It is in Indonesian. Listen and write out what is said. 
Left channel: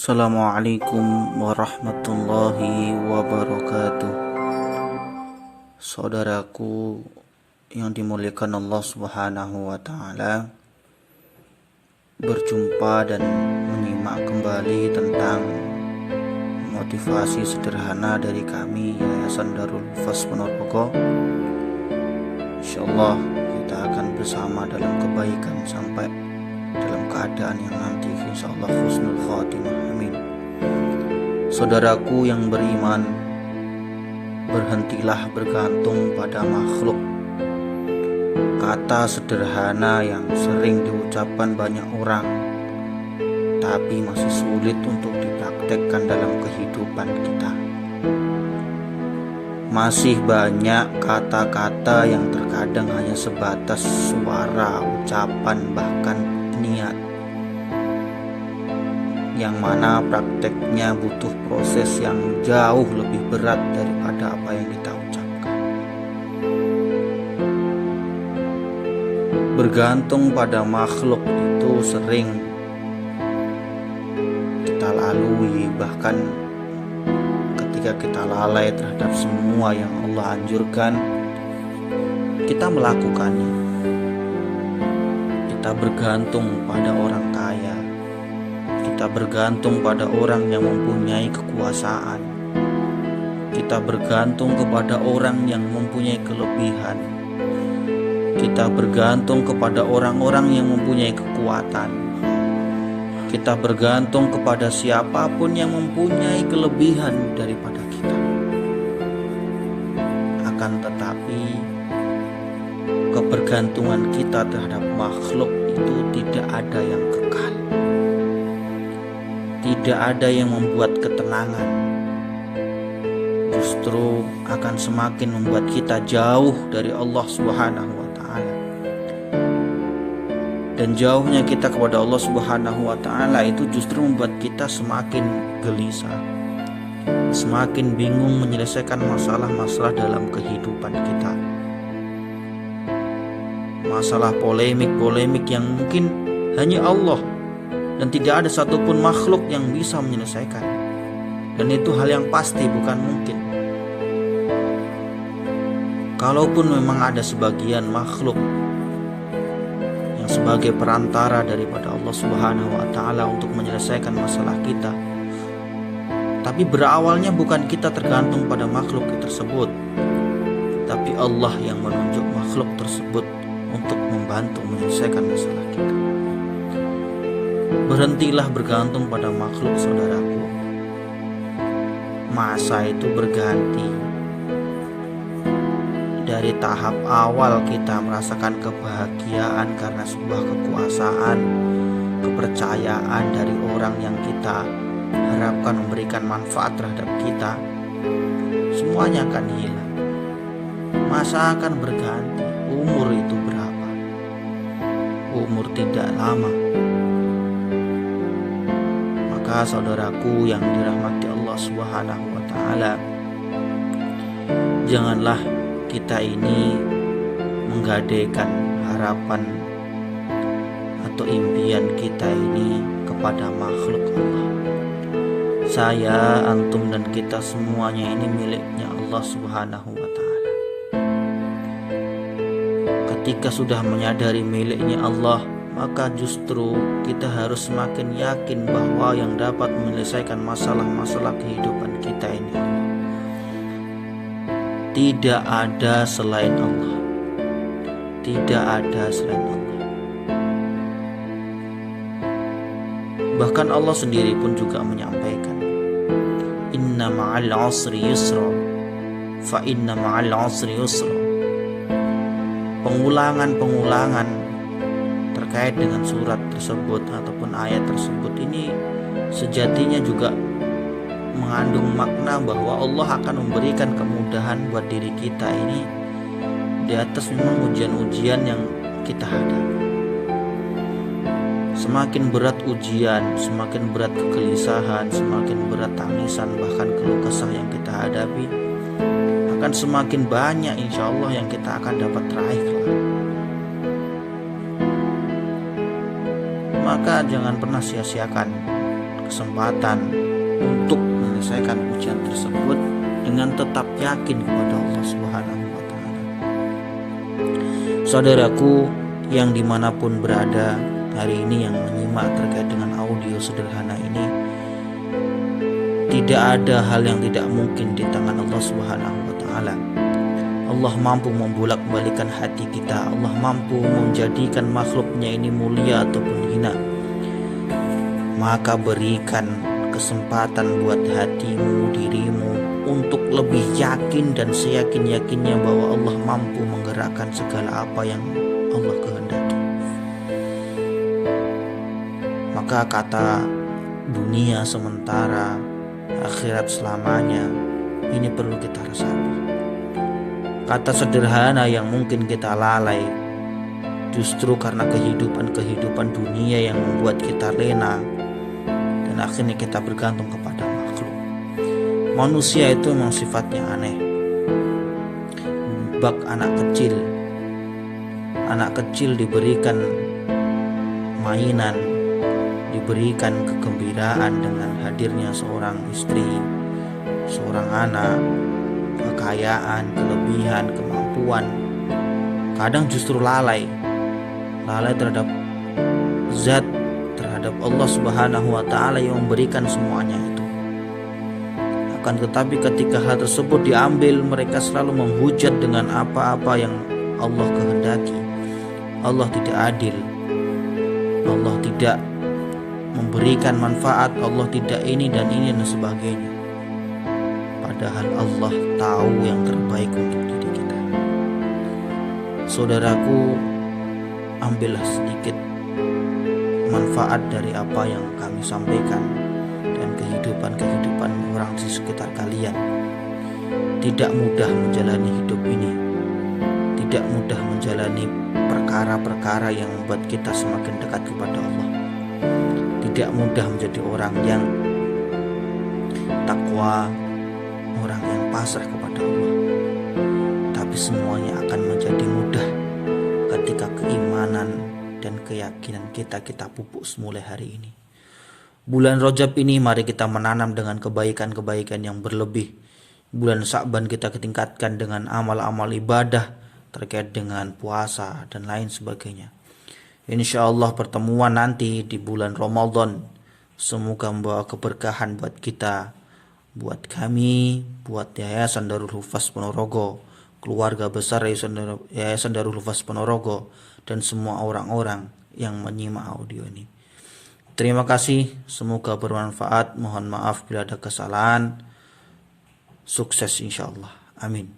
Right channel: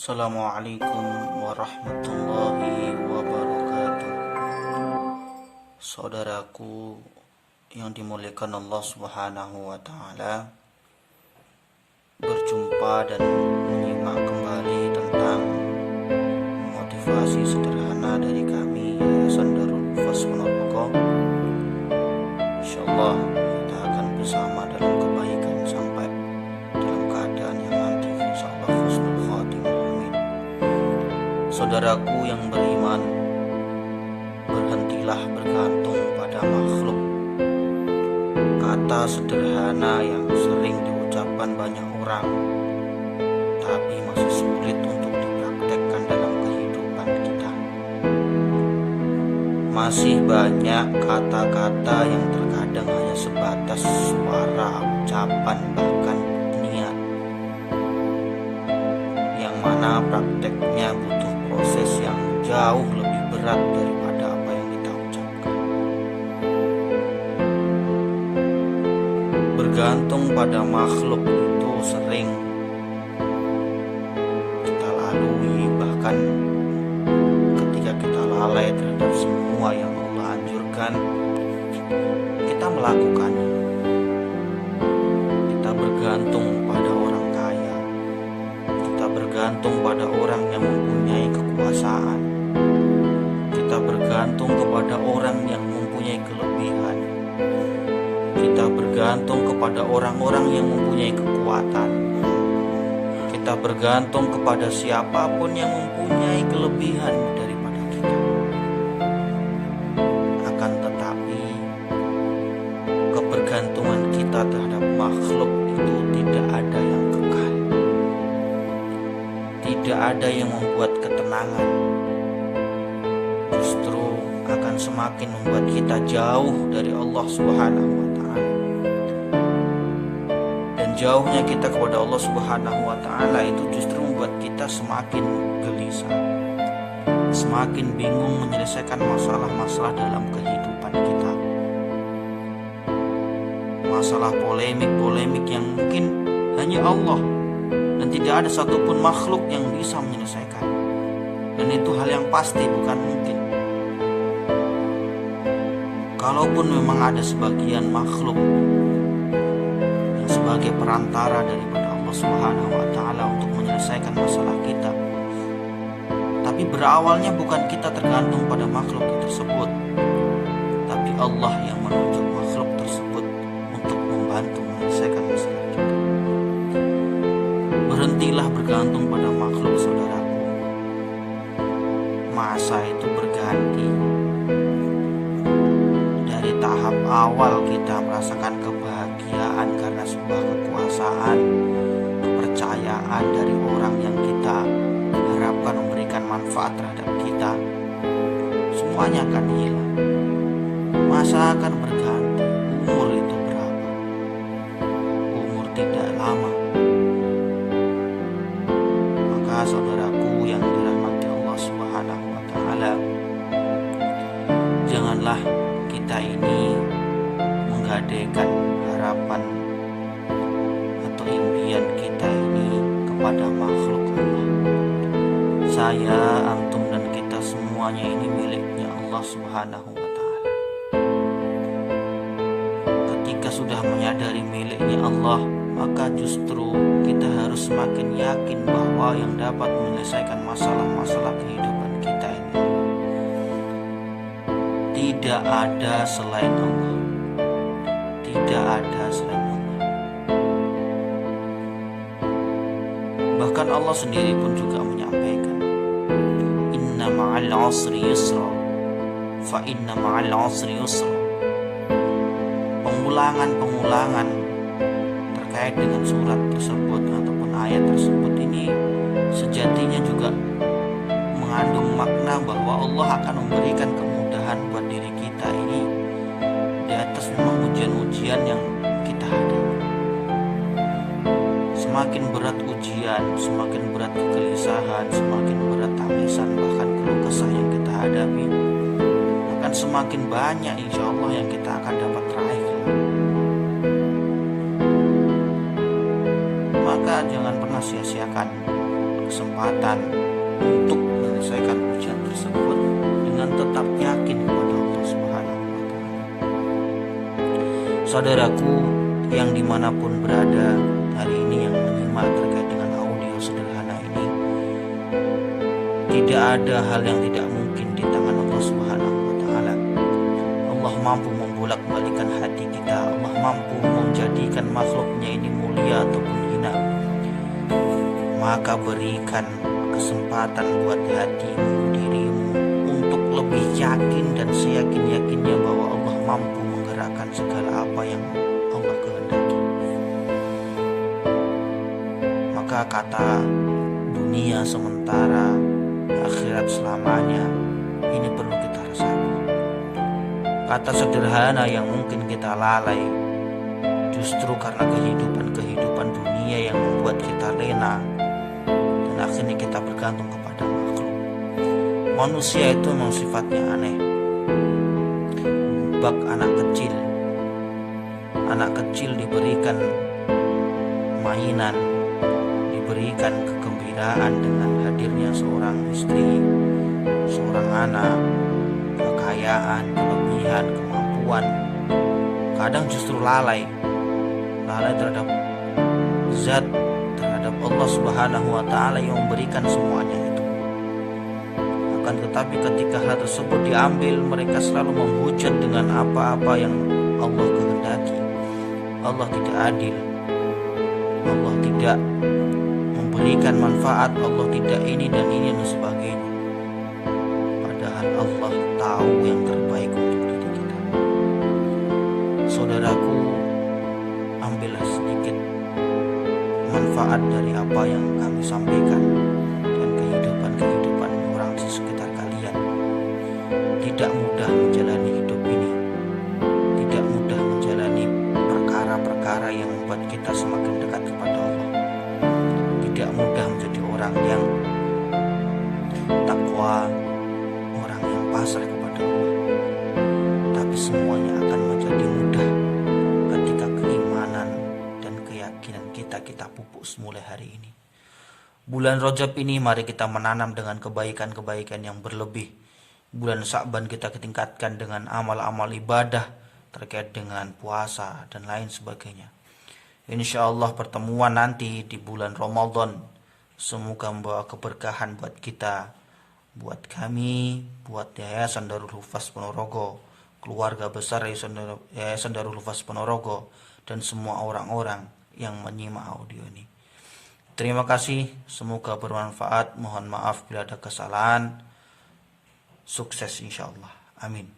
Assalamualaikum warahmatullahi wabarakatuh. Saudaraku yang dimuliakan Allah Subhanahu wa taala, berjumpa dan menyimak kembali tentang motivasi sederhana dari kami Yayasan Darul Hufaz Ponorogo. Insyaallah kita akan bersama dalam kebaikan sampai dalam keadaan yang nanti insyaallah husnul khatimah. Saudaraku yang beriman, berhentilah bergantung pada makhluk. Kata sederhana yang sering diucapkan banyak orang, tapi masih sulit untuk dipraktekkan dalam kehidupan kita. Masih banyak kata-kata yang terkadang hanya sebatas suara, ucapan, bahkan niat, yang mana prakteknya butuh proses yang jauh lebih berat daripada apa yang kita ucapkan. Bergantung pada makhluk itu sering kita lalui, bahkan ketika kita lalai terhadap semua yang Allah anjurkan, kita melakukannya. Kita bergantung pada orang kaya, kita bergantung pada orang yang mempunyai kekuasaan, kita bergantung kepada orang yang mempunyai kelebihan, kita bergantung kepada orang-orang yang mempunyai kekuatan, kita bergantung kepada siapapun yang mempunyai kelebihan daripada kita. Akan tetapi kebergantungan kita terhadap makhluk itu tidak ada yang kekal, tidak ada yang membuat ketenangan, justru akan semakin membuat kita jauh dari Allah Subhanahu wa taala. Dan jauhnya kita kepada Allah Subhanahu wa taala itu justru membuat kita semakin gelisah, semakin bingung menyelesaikan masalah-masalah dalam kehidupan kita. Masalah polemik-polemik yang mungkin hanya Allah dan tidak ada satupun makhluk yang bisa menyelesaikan. Dan itu hal yang pasti, bukan mungkin. Kalaupun memang ada sebagian makhluk yang sebagai perantara daripada Allah Subhanahu wa taala untuk menyelesaikan masalah kita, tapi berawalnya bukan kita tergantung pada makhluk tersebut, tapi Allah yang menunjuk makhluk tersebut untuk membantu menyelesaikan masalah kita. Berhentilah bergantung pada makhluk, saudaraku. Masa itu berganti. Dari tahap awal kita merasakan kebahagiaan karena sebuah kekuasaan, kepercayaan dari orang yang kita harapkan memberikan manfaat terhadap kita, semuanya akan hilang. Masa akan berganti. Umur itu berapa? Umur tidak lama. Maka saudaraku yang dirahmati Allah Subhanahu wa taala, janganlah kita ini menggadaikan harapan atau impian kita ini kepada makhluk Allah. Saya, antum dan kita semuanya ini miliknya Allah Subhanahu wa taala. Ketika sudah menyadari miliknya Allah, maka justru kita harus semakin yakin bahwa yang dapat menyelesaikan masalah-masalah kehidupan kita ini tidak ada selain Allah. Tidak ada selain Allah. Bahkan Allah sendiri pun juga menyampaikan, inna ma'al usri yusra, fa inna ma'al usri yusra. Pengulangan-pengulangan terkait dengan surat tersebut ataupun ayat tersebut ini sejatinya juga mengandung makna bahwa Allah akan memberikan kemudahan buat diri kita ini di atas memang ujian-ujian yang kita hadapi. Semakin berat ujian, semakin berat kegelisahan, semakin berat tangisan, bahkan keluh kesah yang kita hadapi, akan semakin banyak insya Allah yang kita akan dapat raih. Maka jangan pernah sia-siakan kesempatan untuk menyelesaikan ujian tersebut dengan tetap yakin kepada Allah Subhanahu wa Ta'ala. Saudaraku yang dimanapun berada hari ini yang menyimak terkait dengan audio sederhana ini, tidak ada hal yang tidak mungkin di tangan Allah Subhanahu wa Ta'ala. Allah mampu membolak-balikan hati kita. Allah mampu menjadikan makhluknya ini mulia ataupun hina. Maka berikan kesempatan buat hatimu, dirimu untuk lebih yakin dan seyakin-yakinnya bahwa Allah mampu menggerakkan segala apa yang Allah kehendaki. Maka kata dunia sementara, akhirat selamanya, ini perlu kita resapi. Kata sederhana yang mungkin kita lalai, justru karena kehidupan dunia yang membuat kita lena dan akhirnya kita bergantung kepada makhluk. Manusia itu memang sifatnya aneh. Bak anak kecil diberikan mainan, diberikan kegembiraan dengan hadirnya seorang istri, seorang anak, kekayaan, kelebihan, kemampuan. Kadang justru lalai terhadap zat, terhadap Allah Subhanahu wa Ta'ala yang memberikan semuanya itu. Akan tetapi ketika hal tersebut diambil, mereka selalu menghujat dengan apa-apa yang Allah kehendaki. Allah tidak adil, Allah tidak memberikan manfaat, Allah tidak ini dan sebagainya. Padahal Allah tahu yang terbaik untuk diri kita. Saudaraku, ambillah sedikit manfaat dari apa yang kami sampaikan dan kehidupan orang di sekitar kalian. Tidak mudah menjalani hidup ini, tidak mudah menjalani perkara-perkara yang membuat kita semakin dekat kepada Allah. Tidak mudah menjadi orang yang takwa, orang yang pasrah kepada Allah. Tapi semuanya akan menjadi mudah ketika keimanan dan keyakinan kita pupuk mulai hari ini. Bulan Rajab ini mari kita menanam dengan kebaikan-kebaikan yang berlebih. Bulan Sya'ban kita tingkatkan dengan amal-amal ibadah terkait dengan puasa dan lain sebagainya. Insya Allah pertemuan nanti di bulan Ramadan semoga membawa keberkahan buat kita, buat kami, buat Yayasan Darul Hufaz Ponorogo, keluarga besar Yayasan Darul Hufaz Ponorogo, dan semua orang-orang yang menyimak audio ini. Terima kasih, semoga bermanfaat. Mohon maaf bila ada kesalahan. Sukses insya Allah. Amin.